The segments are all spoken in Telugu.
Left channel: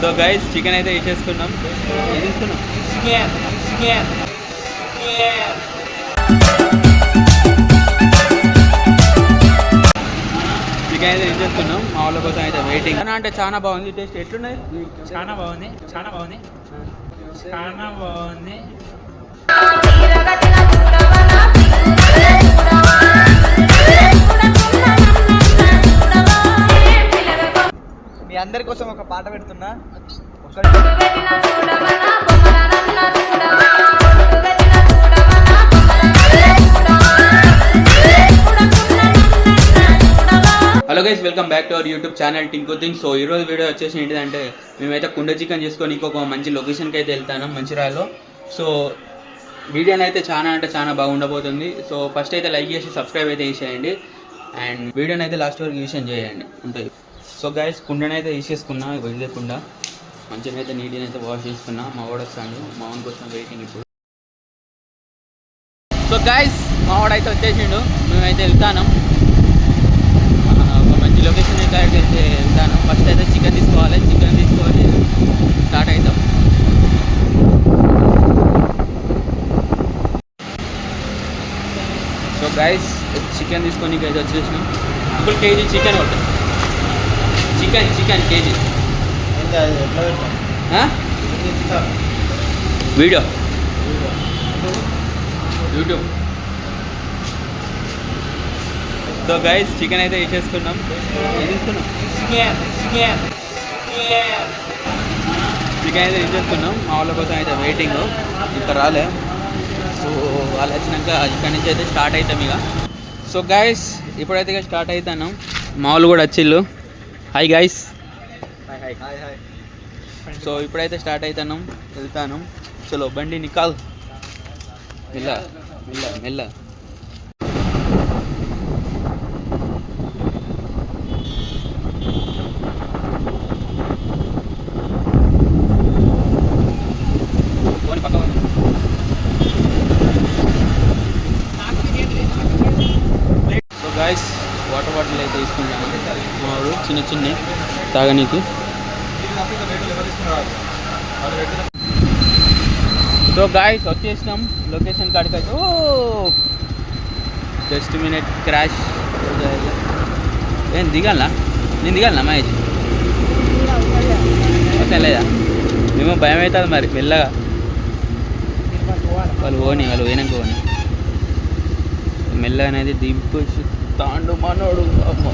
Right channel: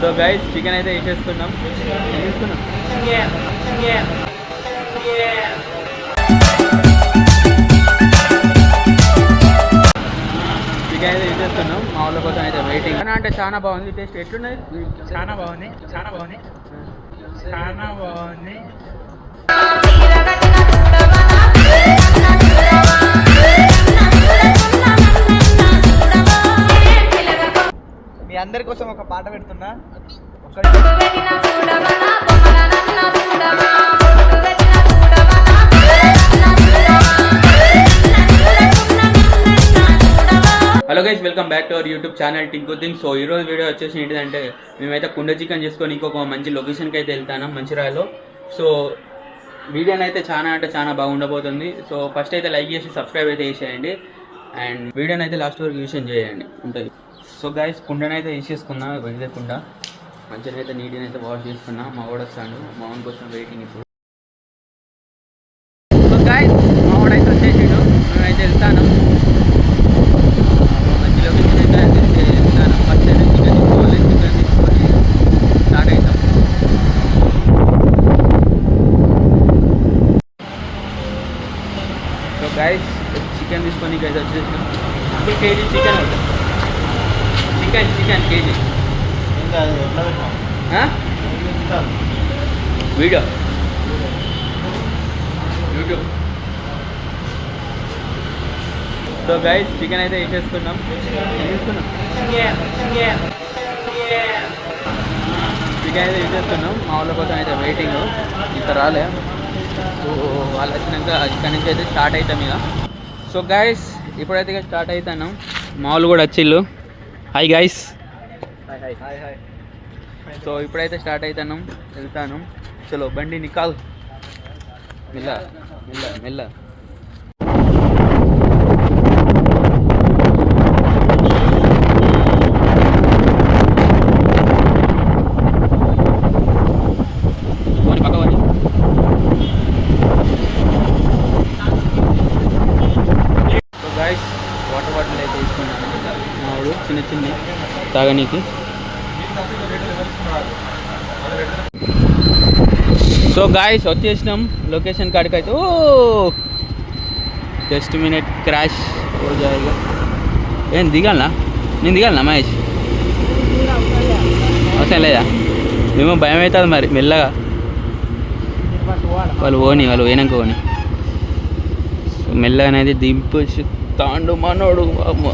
సో గైస్ చికెన్ అయితే వేసేసుకున్నాం. తీసుకున్నాం? చికెన్ అయితే వేసేసుకున్నాం. మా వాళ్ళ కోసం అయితే వెయిటింగ్ అని అంటే చాలా బాగుంది. టేస్ట్ ఎట్లున్నది చాలా బాగుంది. చాలా బాగుంది. చాలా బాగుంది. మీ అందరి కోసం ఒక పాట పెడుతున్నా. Hello guys welcome back to our YouTube channel Tinku thing so ఈరోజు వీడియో వచ్చేసి ఏంటిదంటే మేమైతే కుండ చికెన్ చేసుకొని ఇంకొక మంచి లొకేషన్కి అయితే వెళ్తాను మంచిర్యాలలో. సో వీడియోని అయితే చాలా అంటే చాలా బాగుండబోతుంది. సో ఫస్ట్ అయితే లైక్ చేసి సబ్స్క్రైబ్ అయితే చేసేయండి. అండ్ వీడియోని అయితే లాస్ట్ వరకు యూషన్ చేయండి. ఉంటుంది సో గైస్ కుండని అయితే వేసేసుకున్నా ఇదే కుండ మంచిగా అయితే నీట్గా అయితే వాష్ చేసుకున్నా. మా వాడు వస్తాడు. మా వాడి కోసం వెయిటింగ్ ఇప్పుడు. సో గైస్ మా వాడు అయితే వచ్చేసిండు. మేమైతే వెళ్తాను. మంచి లొకేషన్ అయితే అయితే వెళ్తాను. ఫస్ట్ అయితే చికెన్ తీసుకోవాలి. చికెన్ తీసుకొని స్టార్ట్ అవుతాం సో గైస్ చికెన్ తీసుకొని అయితే వచ్చేసినాం. ఇప్పుడు కేజీ చికెన్ అవుతాం chicken chicken KG. Video. YouTube. So guys chicken అయితే వేసేసుకున్నాం ఏం తీసుకున్నాం చికెన్ అయితే వేసేసుకున్నాం మా వాళ్ళ కోసం అయితే వెయిటింగ్ ఇంకా రాలే. సో వాళ్ళు వచ్చినాక ఇక్కడ నుంచి అయితే స్టార్ట్ అవుతాం ఇక. సో గైస్ ఇప్పుడైతే ఇక స్టార్ట్ అవుతాను. మా వాళ్ళు కూడా వచ్చిళ్ళు. హాయ్ హాయ్ సో ఇప్పుడైతే స్టార్ట్ అవుతాను వెళ్తాను చలో బండి నికాల్. మెల్ల మెల్ల మెల్ల పోనీ పక్క పోనీ. సో గాయస్ వాటర్ బాటిల్ అయితే తీసుకుంటాను. మావాడు చిన్న చిన్న తాగనీకి. సో గాయస్ వచ్చేసినాం లొకేషన్ కాడికి అయితే ఓ జస్ట్ మినిట్ క్రాష్ ఏం దిగాలనా? నేను దిగాలనా మహేష్? అవసరం లేదా? మేము భయం అవుతుంది మరి మెల్లగా. వాళ్ళు ఓని వాళ్ళు పోయినాక ఓని అనేది దింపొచ్చు. తాండు మనోడు అమ్మ.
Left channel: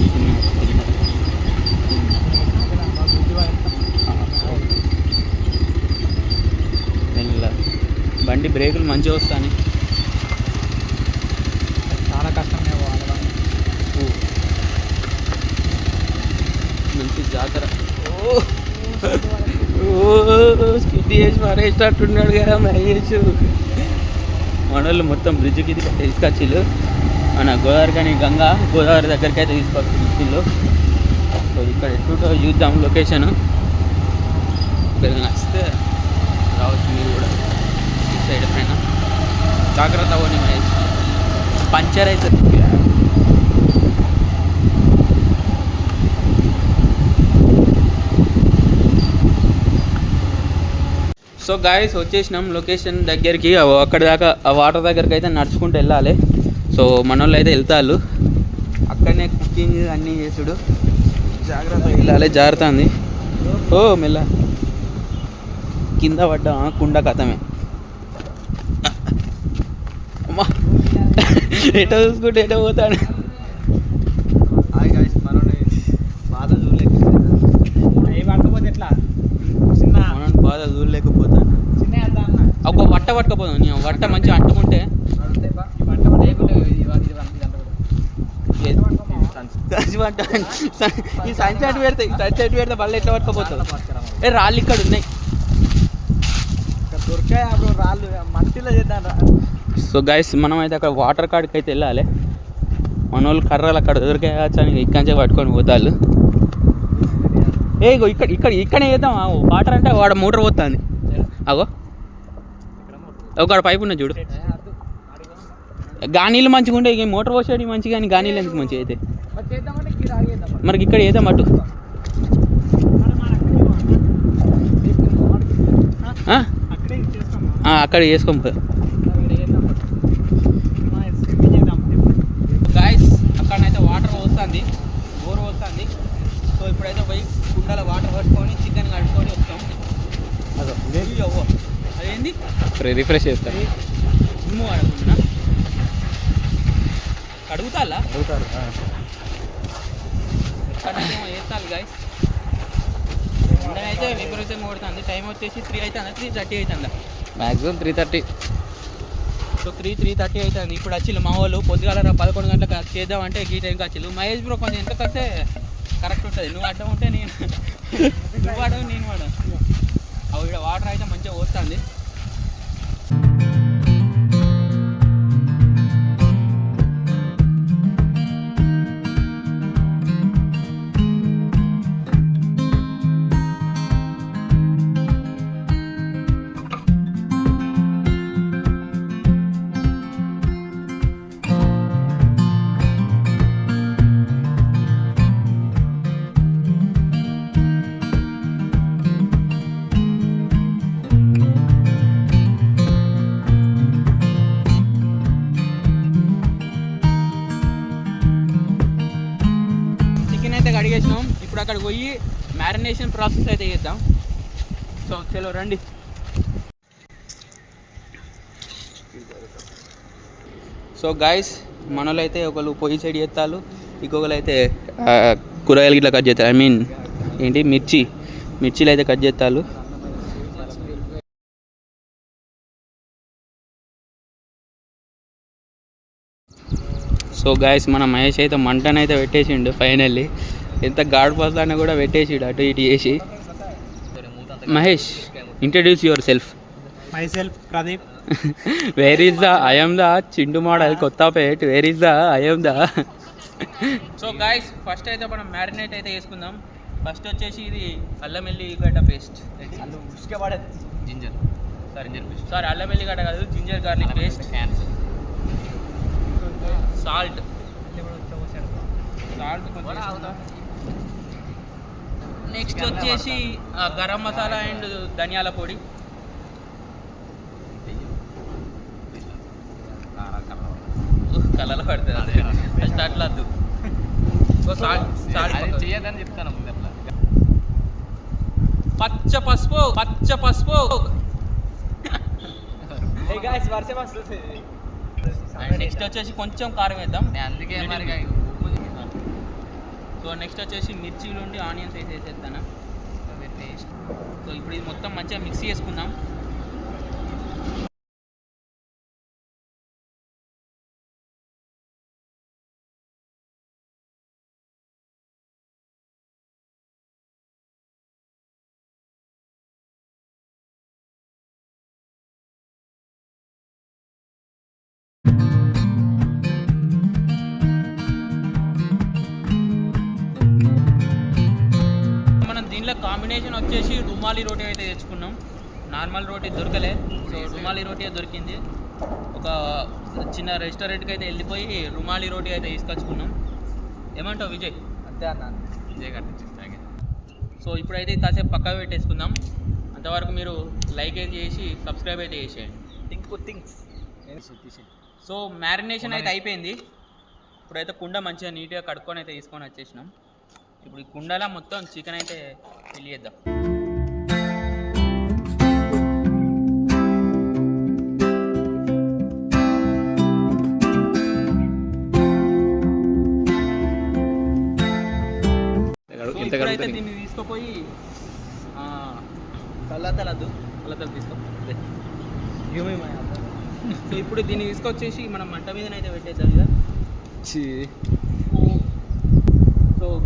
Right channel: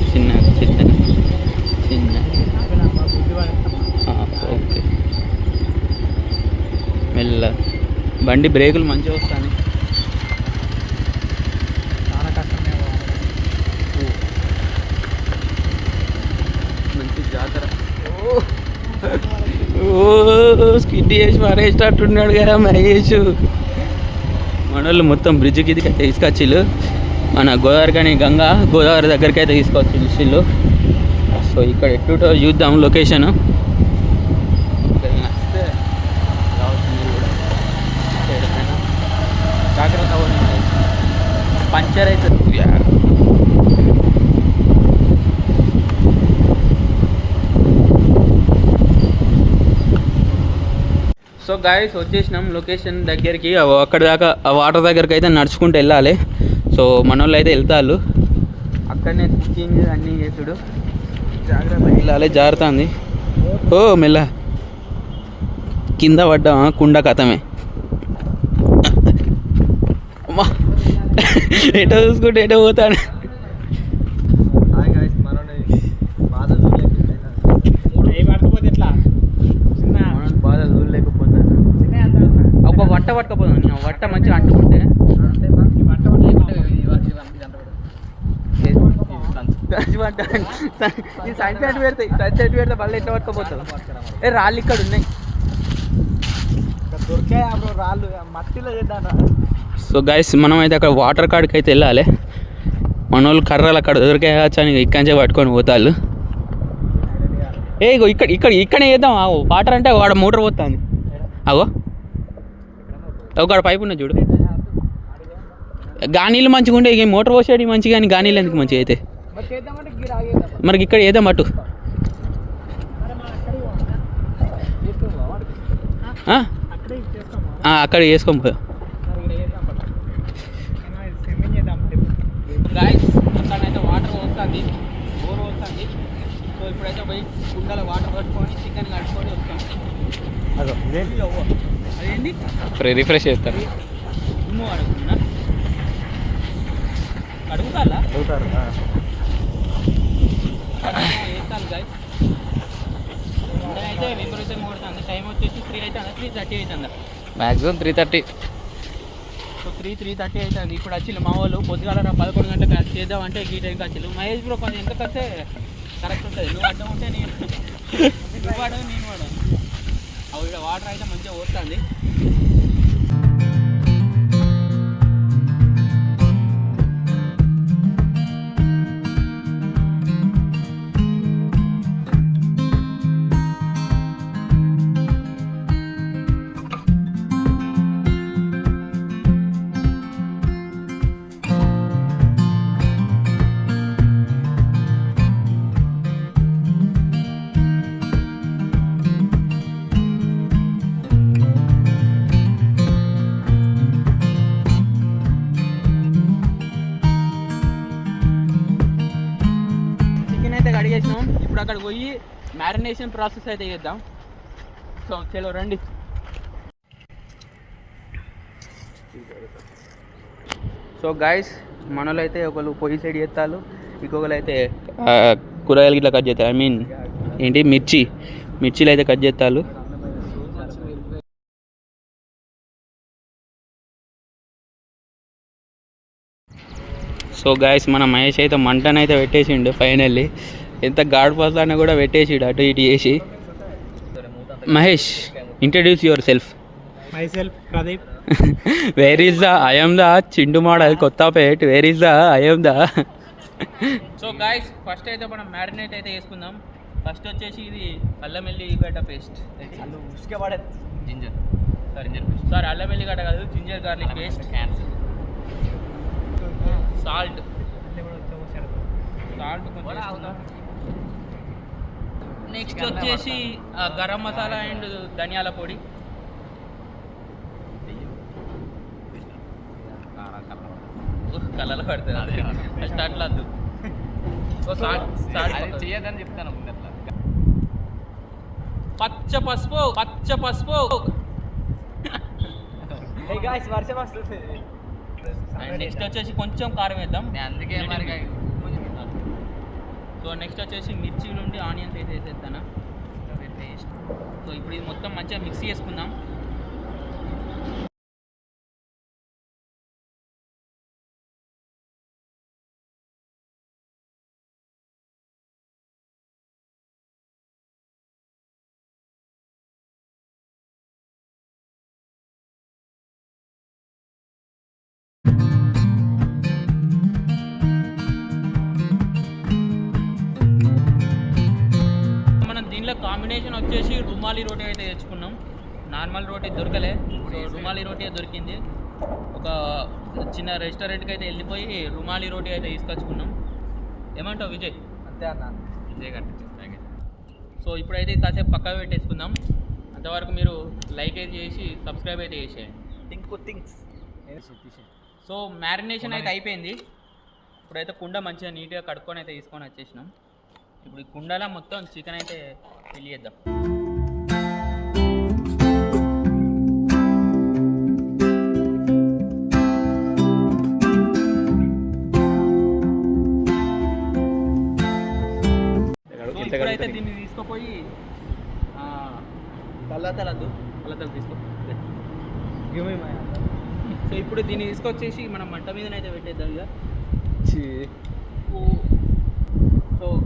చిన్న చిన్న చిన్న మెల్ల. బండి బ్రేకులు మంచిగా వస్తాను. మంచి జాతర. ఓ. స్కిడ్ చేసి మారేసేటట్టున్నాడు కదా మహేష్. మనోళ్ళు మొత్తం బ్రిడ్జ్కి ఇది తీసుకొచ్చిళ్ళు. మన గోదావరి కానీ గంగా గోదావరి దగ్గరికి అయితే తీసుకొచ్చి సో ఇక్కడ ఎట్టుటో చూద్దాం లొకేషన్ ఇక్కడ వస్తే రావచ్చు మీరు కూడా. సైడ్ జాగ్రత్త పంచర్ అవుతుంది. సో గాయస్ వచ్చేసినాం లొకేషన్ దగ్గరికి. అక్కడ దాకా ఆ వాటర్ దగ్గరికి అయితే నడుచుకుంటూ వెళ్ళాలి. సో మన వాళ్ళు అయితే వెళ్తారు అక్కడనే కుకింగ్ అన్నీ చేసుడు. జాగ్రత్త వెళ్ళాలి. జాగ్రత్త ఉంది. ఓ మెల్ల. కింద పడ్డామా కుండ కథమే. అమ్మా. ఎటో చూసుకుంటే ఎటో పోతాడు హాయ్ గాయస్ మనోని బాధ చూడలేకపోయినా ఏ పడకపోతే ఎట్లా చిన్న మనం బాధ చూడలేకపోతాను చిన్న వేద్దాం అన్న. ఒక వట్ట పట్టుకపోదాం. నీ వట్ట మంచిగా అంటుకుంటే? వంట. సంచి పట్ట ఈ సంచి అటు పెడితే సంచి అటు పెడితే మళ్ళీ ఎట్లా పట్టుకపోతుంది ఏ రాళ్ళు ఇక్కడ ఉన్నాయి. ఇక్కడ దొరికాయి అప్పుడు రాళ్ళు? మట్టిలో చేద్దాం సో గైస్ మనం అయితే అక్కడ వాటర్ కాడికి అయితే వెళ్ళాలి. మన వాళ్ళు కర్రలు అక్కడ దొరికాయచ్చు అని ఇక్కడి నుంచే పట్టుకొని పోతాళ్ళు. ఏ ఇక్కడ ఇక్కడ ఇక్కడే చేద్దాం. వాటర్ అంటే వాడు మోటార్ పోతుంది. అగో ఒక పైపు ఉన్నది చూడు. గానీళ్ళు మంచిగా ఉండే ఇక మోటార్ పోసేది మంచిగా కానీ గానీళ్ళు ఎందుకు మంచిగా అయితే? మరి ఇక్కడ ఏదో మటు ఆ? అక్కడే చేసుకోమా ఆ, అక్కడ చేసుకోము గాయస్ అక్కడనైతే వాటర్ వస్తుంది బోర్ వస్తుంది సో ఇప్పుడైతే పోయి కుండల వాటర్ పట్టుకొని చికెన్ కలుపుకొని వస్తాం. ఇయ్యి అవ్వ. అదేంది రిఫ్రెష్ చేస్తారు దుమ్ము అడగకుండా అడుగుతాలా వేస్తాను గాయస్ అయితే విపరీతంగా కొడుతుంది. టైం వచ్చేసి త్రీ అవుతుందా త్రీ థర్టీ అవుతుందా maximum three thirty so three three thirty అవుతుంది ఇప్పుడు వచ్చిల్లు మా వాళ్ళు పొద్దుగాల రా పదకొండు గంటలకు అది చేద్దాం అంటే ఈ టైంకి వచ్చిల్లు మహేష్ బ్రో కొంచెం ఎంత కరెక్ట్ ఉంటుంది. నువ్వు అడ్డం ఉంటే నేను నువ్వు వాడవు నేను వాడవు. అవి వాటర్ అయితే మంచిగా వస్తుంది అయితే కడిగేసినాం ఇప్పుడు అక్కడ పోయి మ్యారినేషన్ ప్రాసెస్ అయితే చేద్దాం. సో చలో రండి. సో గాయస్ మనలో అయితే ఒకళ్ళు పొయ్యి సైడ్ చేస్తారు ఇంకొకరు అయితే కూరగాయలు ఇట్లా కట్ చేస్తారు ఐ మీన్ ఏంటి మిర్చి మిర్చిలు అయితే కట్ చేస్తారు సో గాయస్ మన మహేష్ అయితే మంటనైతే పెట్టేసిండు ఫైనల్లీ ఎంత గాడిపోతానో కూడా పెట్టేసిండు అటు ఇటు చేసి. Mahesh introduce yourself myself Pradeep where is the I'm the చిండు model Kothapet where is the I'm the so guys first అయితే మనం మ్యారినేట్ అయితే వేసుకుందాం ఫస్ట్ వచ్చేసి ఇది అల్లం ఎల్లిగడ్డ పేస్ట్ ఉసుకే పడేది ginger sorry ginger paste sorry అల్లం ఎల్లిగడ్డ కాదు జింజర్ గార్లిక్ పేస్ట్ క్యాన్సర్ సాల్ట్ సాల్ట్ కొంచెం నెక్స్ట్ వచ్చేసి గరం మసాలా అండ్ ధనియాల పొడి. కలర్ పడుతుంది ఫస్ట్ అట్లా వద్దు. చేయదని చెప్తాను ముందు అట్లా. పచ్చ పసుపు పచ్చ పసుపు. గాయస్ వర్షం వస్తుంది. నెక్స్ట్ వచ్చేసి కొంచెం కారం వేద్దాం. నేను అందుకే మరి. సో నెక్స్ట్ వచ్చేసి మిర్చీలు ఉండి ఆనియన్స్ వేసి వేసేస్తాను టేస్ట్. సో ఇప్పుడు ఇది మొత్తం మంచిగా మిక్సీ చేసుకుందాం. కాంబినేషన్ వచ్చేసి రుమాలి రోటీ అయితే తెచ్చుకున్నాం. నార్మల్ రోటీ దొరకలే. సో రుమాలి రోటీ దొరికింది. ఒక చిన్న రెస్టారెంట్కి అయితే వెళ్ళిపోయి రుమాలి రోటీ అయితే తీసుకొచ్చుకున్నాం. ఏమంటావు విజయ్? అంతే అన్న. ఇదే కట్టించి సో ఇప్పుడైతే కాసేపు పక్కకు పెట్టేసుకుందాం. అంతవరకు మీరు లైక్ అయితే చేసి సబ్స్క్రైబ్ అయితే చేసేయండి. థింక్ థింగ్స్ సో మ్యారినేషన్ అయితే అయిపోయింది. ఇప్పుడైతే కుండ మంచిగా నీట్గా కడుక్కొని అయితే తీసుకొని వచ్చేసినాం. ఇప్పుడు ఈ కుండలో మొత్తం చికెన్ అయితే సో ఇప్పుడైతే దీన్ని తీసుకుపోయి తల్లతలద్దు తల్లతలు తీసుకో సో ఇప్పుడు దీన్ని తీసుకొచ్చేసి మనం మంట మీదనైతే పెట్టేద్దాం ఇక.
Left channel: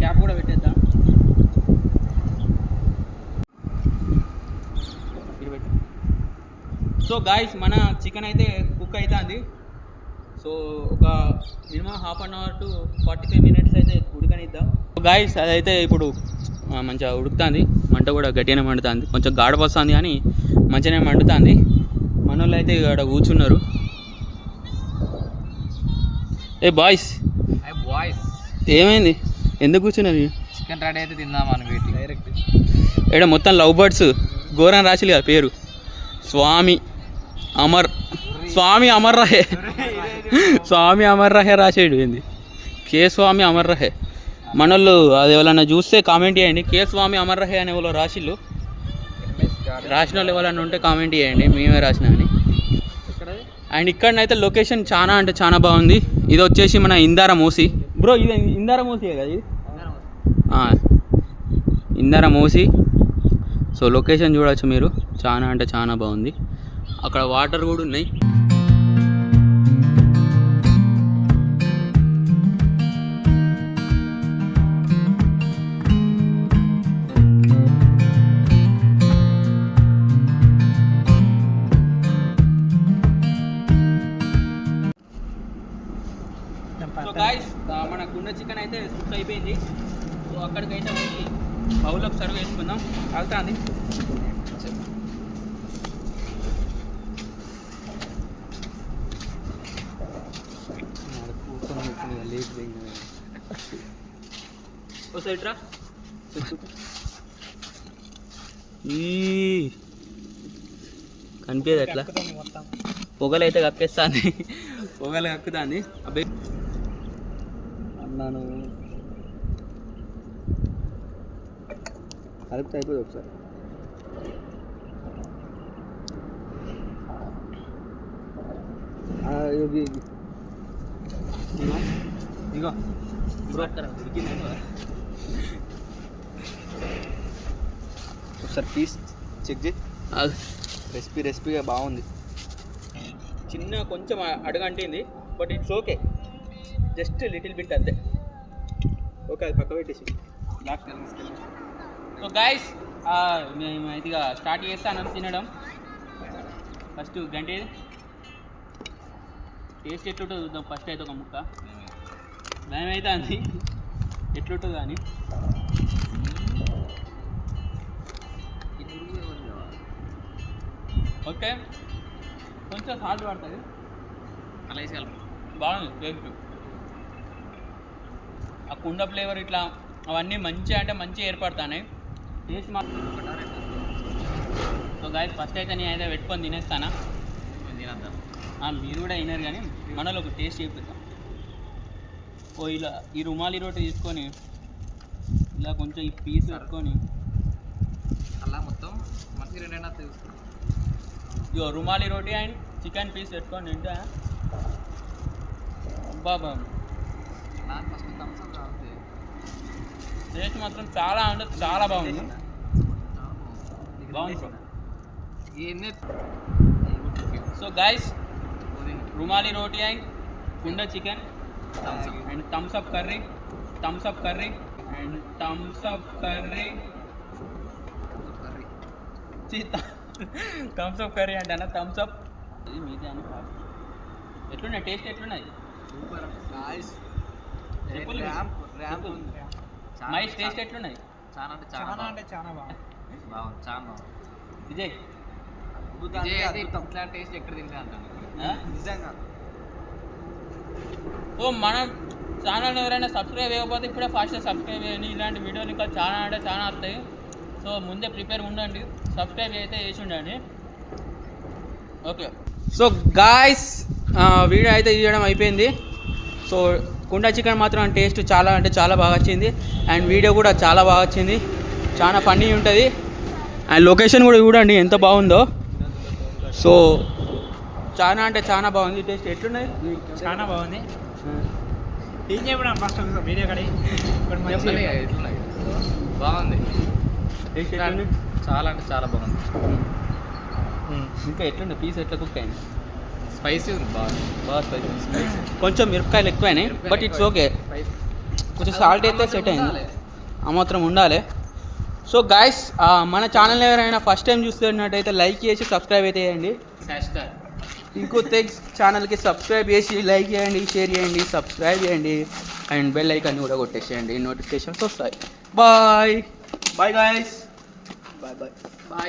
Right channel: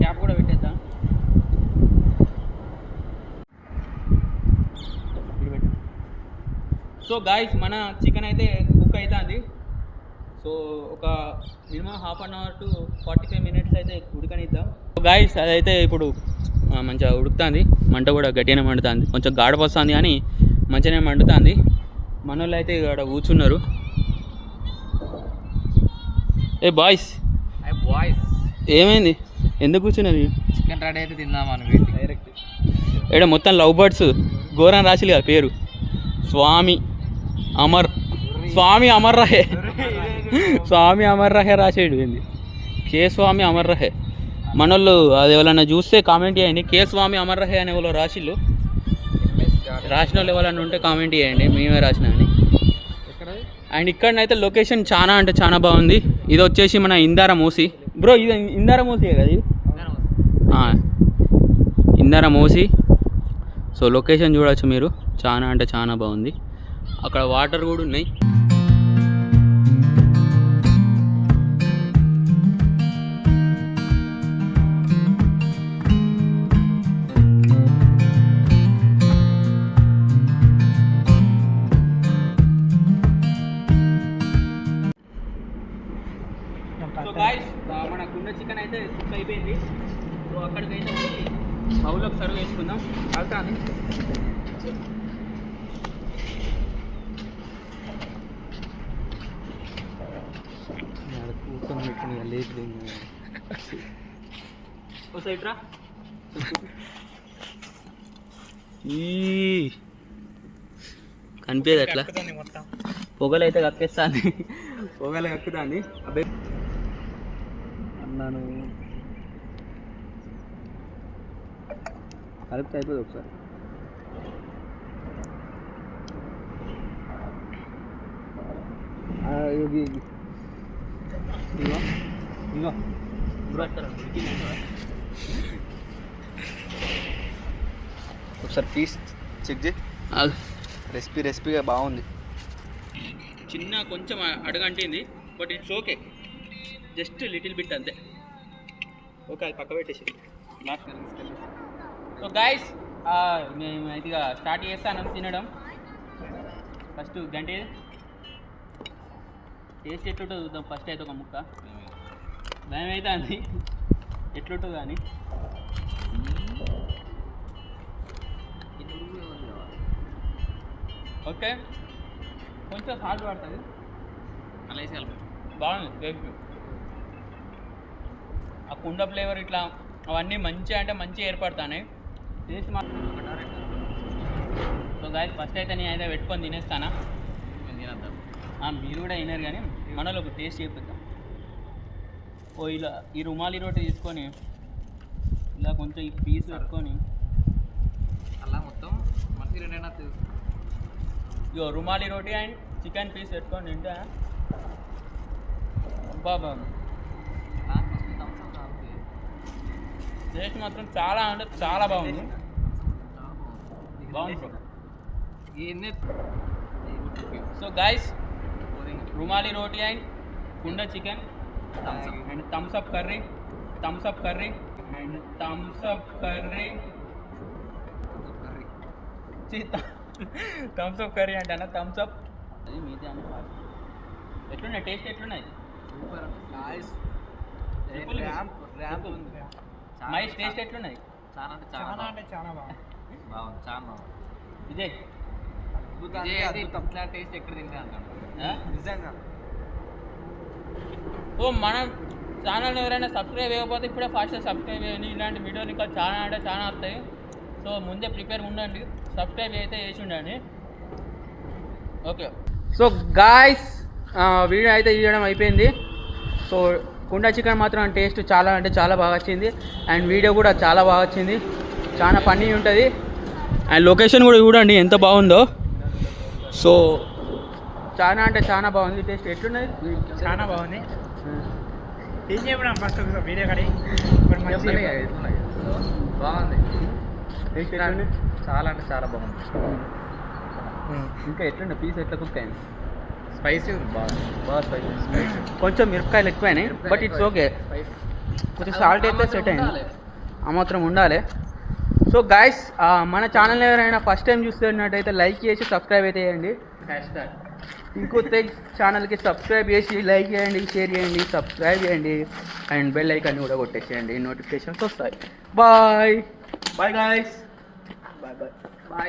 క్యాప్ కూడా పెట్టేద్దాం. సో గాయస్ మన చికెన్ అయితే కుక్ అవుతుంది సో ఒక minimum half an hour to forty five minutes అయితే ఉడకనిద్దాం. సో గాయస్ అదైతే ఇప్పుడు మంచిగా ఉడుకుతుంది. మంట కూడా గట్టిగానే మండుతుంది. కొంచెం గాఢ వస్తుంది కానీ మంచిగానే మండుతుంది. మన వాళ్ళు అయితే ఇక్కడ కూర్చున్నారు. ఏ బాయ్స్ ఐ బాయ్స్ ఏమైంది? ఎందుకు కూర్చున్నది చికెన్ రెడీ అయితే తిందామని వెయిట్ డైరెక్ట్ ఇక్కడ మొత్తం లవ్ బర్డ్స్ ఘోరం రాసిలు కదా పేరు. స్వామి అమర్ స్వామి అమర్ రహే. స్వామి అమర్ రహే రాసేడు ఏంది? కే స్వామి అమర్ రహే. మనోళ్ళు అది ఎవరన్నా చూస్తే కామెంట్ చేయండి. కే స్వామి అమర్ రహే అనే వాళ్ళు రాసిళ్ళు రాసిన వాళ్ళు ఎవరన్నా ఉంటే కామెంట్ చేయండి. మేమే రాసిన అని. అండ్ ఇక్కడనైతే లొకేషన్ చాలా అంటే చాలా బాగుంది. ఇది వచ్చేసి మన ఇందార మూసి. బ్రో ఇది ఇందార మూసి కదా ఇది? ఇందార మూసి. సో లొకేషన్ చూడవచ్చు మీరు. చాలా అంటే చాలా బాగుంది. అక్కడ వాటర్ కూడా ఉన్నాయి. ఓ సైడ్ రా కనిపించదు అట్లా పొగలు అయితే కక్కేస్తుంది. పొగలు కక్కుతుంది. అబ్బాయి అన్నాను. కలిపితే అయిపోతుంది ఒకసారి. ఇది ఇదిగో. ఇదిగో ఒకసారి పీస్ చెక్ చేయి. రెసిపీ రెసిపీగా బాగుంది. చిన్న కొంచెం అడగంటింది but it's okay. Just little bit అంతే. ఓకే అది పక్క పెట్టేసి. సో గాయస్ మేము ఇక స్టార్ట్ చేస్తాను తినడం. ఫస్ట్ గంటే టేస్ట్ ఎట్లుంటుందో చూద్దాం. ఫస్ట్ అయితే ఒక ముక్క. భయం అయితే అంది ఎట్లుంటుందో కానీ ఓకే. కొంచెం సాల్ట్ పడుతుంది అలా వేసి బాగుంది టేస్ట్ ఆ కుండ ఫ్లేవర్ ఇట్లా అవన్నీ మంచిగా అంటే మంచిగా ఏర్పడతాయి టేస్ట్ మాత్రం సో గాయస్ ఫస్ట్ అయితే నేను అయితే పెట్టుకొని తినేస్తానా? తినేద్దాం? మీరు కూడా అయినారు కానీ మనలో ఒక టేస్ట్ చేపిద్దాం. ఓ ఇలా ఈ రుమాలి రోటి తీసుకొని ఇలా కొంచెం ఈ పీస్ పెట్టుకొని. అలా మొత్తం మనకి రెండైనా తెలుసు ఇగో రుమాలి రోటి అండ్ చికెన్ పీస్ పెట్టుకొని తింటే. బాబా అలా ఫస్ట్ థమ్స్ అప్ టేస్ట్ మాత్రం చాలా అంటే చాలా బాగుంది. బాగుంది. So guys rumali roti and కుండ chicken. And Thums Up curry Thums Up curry and Thums Up curry curry Thums Up curry అంటే అన్న థమ్స్ అప్ ఇది మీదే అని కాదు. ఎట్లున్నాయి? టేస్ట్ ఎట్లున్నాయి? సూపర్. Ramp ramp. ఉంది. మైస్ టేస్ట్ ఎట్లున్నాయి? చాలా అంటే చాలా. అంటే చాలా బాగుంది. బాగుంది చాలా బాగుంది. విజయ్. అద్భుతం. ఇట్లా టేస్ట్ ఎక్కడ తింటా అంటాను? నిజంగా. సో మన ఛానల్ని ఎవరైనా సబ్స్క్రైబ్ చేయకపోతే ఇప్పుడే ఫాస్ట్గా సబ్స్క్రైబ్ చేయండి. ఇలాంటి వీడియోలు ఇంకా చాలా అంటే చాలా వస్తాయి. సో ముందే ప్రిపేర్ ఉండండి. సబ్స్క్రైబ్ అయితే చేసి ఉండండి. ఓకే. సో గాయస్ వీడియో అయితే తీయడం అయిపోయింది. సో కుండ చికెన్ మాత్రం టేస్ట్ చాలా అంటే చాలా బాగా వచ్చింది. అండ్ వీడియో కూడా చాలా బాగా వచ్చింది. చాలా ఫన్నీ ఉంటుంది. అండ్ లొకేషన్ కూడా చూడండి ఎంత బాగుందో. సో చాలా అంటే చాలా బాగుంది. టేస్ట్ ఎట్లున్నది చాలా బాగుంది. ఏం చెప్పినా ఫస్ట్ వీడియో కడి ఇప్పుడు చెప్పలే మంచిగా ఎట్లున్నాయి? బాగుంది. చాలా అంటే చాలా బాగుంది. ఇంకా ఎట్లుండే? పీస్ ఎట్లా కుక్ అయింది? స్పైసీ ఉంది బాగా. బాగా స్పైసీ. స్పైసీ. కొంచెం మిరపకాయలు ఎక్కువైనాయి బట్ ఇట్స్ ఓకే. కొంచెం సాల్ట్ అయితే సెట్ అయింది. ఆ మాత్రం ఉండాలి. సో గాయస్ మన ఛానల్ ఎవరైనా ఫస్ట్ టైం చూస్తున్నట్టయితే లైక్ చేసి సబ్స్క్రైబ్ అయితే చేయండి. ఇంకో తెగ్స్ ఛానల్కి సబ్స్క్రైబ్ చేసి లైక్ చేయండి షేర్ చేయండి సబ్స్క్రైబ్ చేయండి. అండ్ బెల్ ఐకాన్ని కూడా కొట్టేసేయండి. నోటిఫికేషన్స్ వస్తాయి. Bye bye guys bye bye bye